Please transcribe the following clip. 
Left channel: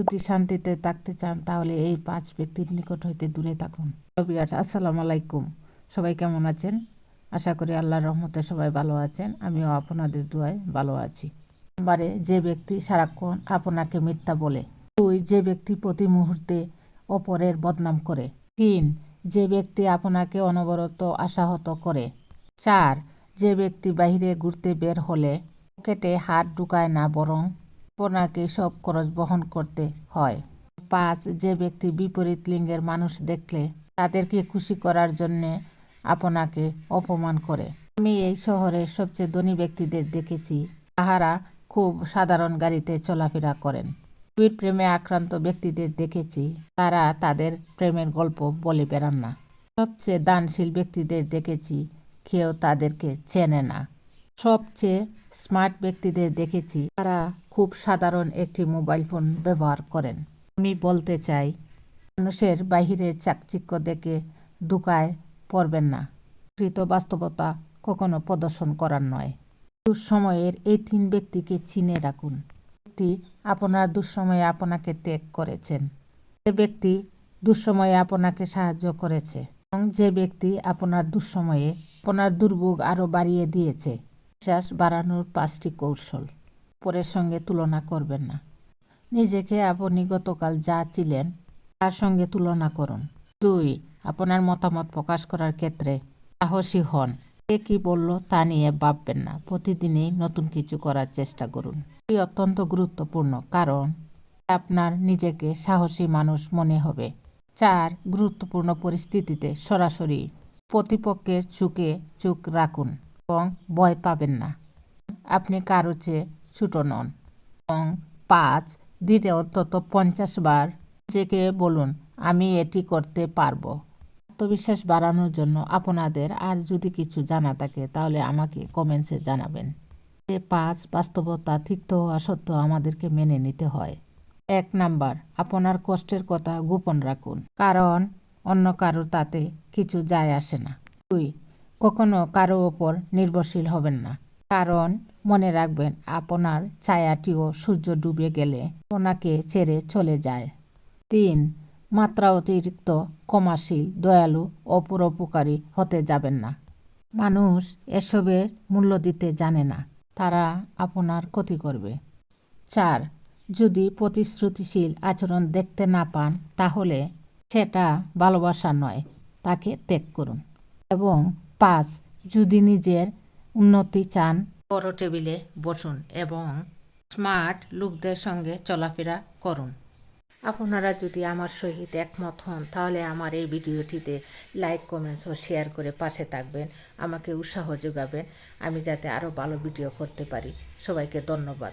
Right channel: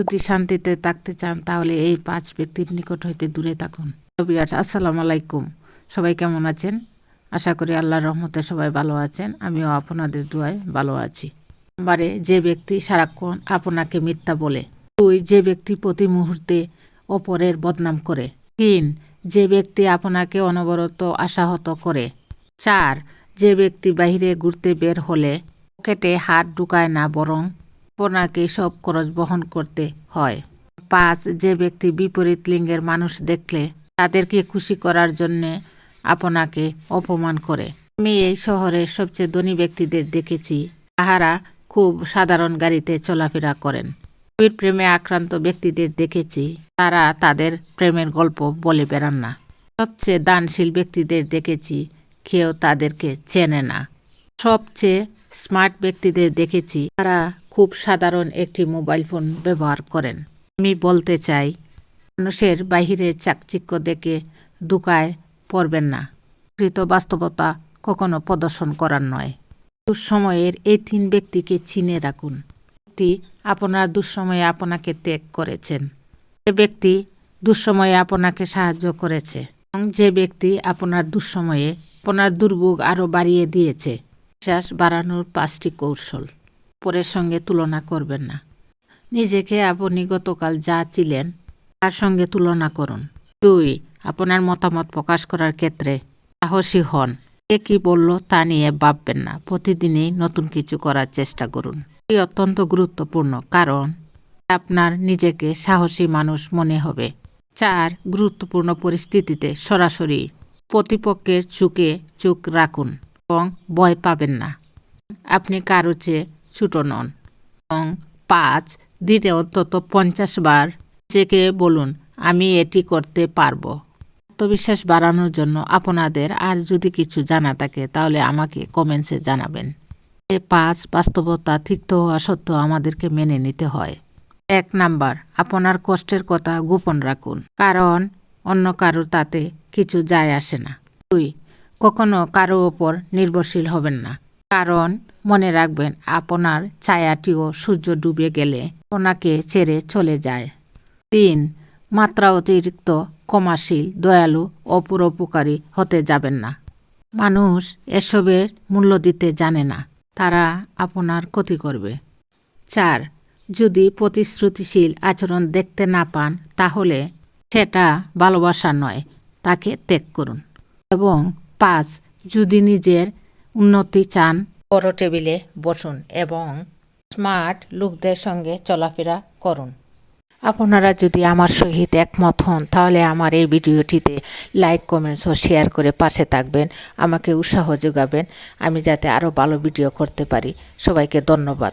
যদি শান্তিতে থাকতে চান তাহলে এই 5 ব্যক্তির নিকট হইতে দূরে থাকুন। আসসালামু আলাইকুম। সবাই কেমন আছেন? আশা করি আল্লাহর রহমতে সবাই ভালো আছেন। আমিও আপনাদের দোয়ায় ভালো আছি। নাম্বারে, যে ব্যক্তি সারাক্ষণ আপনাকে মিথ্যা বলে। 2, যে ব্যক্তি প্রতি মুহূর্তে অপরের বদনাম করে। 3, যে ব্যক্তি আপনাকে অনবরত আশাহত করে। 4, যে ব্যক্তি বাইরে ঘুরতে বের হলে পকেটে হাত ঢুকায় না, বরং আপনাকে সব খরচ বহন করতে হয়। 5, যে ব্যক্তি বিপরীত লিঙ্গের মানুষ দেখলে তাদেরকে খুশি করার জন্য আপনাকে অপমান করে। আমি এই শহরের সবচেয়ে ধনী ব্যক্তিদের দেখেছি, তাহারা খুব সাধারণ গাড়িতে চলাফেরা করেন। প্রেমে আক্রান্ত ব্যক্তিদের দেখেছি, তারা তাদের প্রেমের গল্প বলে বেড়ান না। সবচেয়ে দানশীল ব্যক্তিদের দেখেছি, কেউ তাদেরকে চেনে না। সবচেয়ে স্মার্ট ব্যক্তিদের দেখেছি, তারা খুব সাধারণ একটি মোবাইল ফোন ব্যবহার করেন। আমি বলতে চাই, মানুষের বাহিরের চাকচিক্য দেখে ধোঁকায় পড়বেন না। প্রকৃত বাস্তবতা কখনো প্রদর্শন করার নয়। দুঃসময়ের এই 3 ব্যক্তিকে চিনে রাখুন। ব্যক্তি আপনার দুঃসময়ে আপনাকে ত্যাগ করেছেন, যে ব্যক্তি দুঃসময়ে আপনাকে সাহায্য করেছে, এবং যে ব্যক্তি আপনার দুঃসময়ে আপনার দুর্ভোগ আরও বাড়িয়ে দিয়েছে। বিশ্বাস বাড়ানোর 5টি কৌশল। অপরের সঙ্গে তুলনা করবেন না। নিজেকে আপনি গতকাল যা ছিলেন তার সঙ্গে তুলনা করুন। 2, আপনার মতামত প্রকাশ করার ক্ষেত্রে সাহসী হন। কে কী বলল তা নিয়ে ভাববেন না। প্রতিদিনই নতুন কিছু করার চেষ্টা করুন। এটি অত্যন্ত গুরুত্বপূর্ণ, কারণ আপনার নিজেকে সাহসী মানুষ মনে হবে। 4, গুরুত্বপূর্ণ পরিস্থিতিতে সরাসরি প্রতিপক্ষের চোখ রাখুন এবং ভয় পাবেন না। আপনি কারো চেয়ে ছোট নন। এবং 5, দিতে অন্তত 50 বার নিজেকে বলুন, আমি এটি করতে পারবো। আত্মবিশ্বাস বাড়ানোর জন্য আপনাদের আর যদি কিছু জানা থাকে তাহলে আমাকে কমেন্টসে জানাবেন। 5, বাস্তবতা তিক্ত হওয়া সত্ত্বেও আমাদেরকে মেনে নিতে হয়। 1 নাম্বার, আপনার কষ্টের কথা গোপন রাখুন, কারণ অন্য কারো তাতে কিছু যায় আসে না। 2, কখনো কারো ওপর নির্ভরশীল হবেন না, কারণ মনে রাখবেন আপনার ছায়াটিও সূর্য ডুবে গেলে আপনাকে ছেড়ে চলে যায়। 3, মাত্রা অতিরিক্ত ক্ষমাশীল, দয়ালু ও পরোপকারী হতে যাবেন না। মানুষ এসবের মূল্য দিতে জানে না, তারা আপনার ক্ষতি করবে। 4, যদি প্রতিশ্রুতিশীল আচরণ দেখতে না পান তাহলে সেটা ভালোবাসা নয়, তাকে ত্যাগ করুন। এবং 5, যদি নিজের উন্নতি চান, বড় টেবিলে বসুন এবং স্মার্ট লোকদের সঙ্গে চলাফেরা করুন। আপনারা যদি আমার সহিত একমত হন তাহলে আমার এই ভিডিওটিতে লাইক, কমেন্টস ও শেয়ার করে পাশে থাকবেন, আমাকে উৎসাহ যোগাবেন, আমি যাতে আরও ভালো ভিডিও করতে পারি। সবাইকে ধন্যবাদ।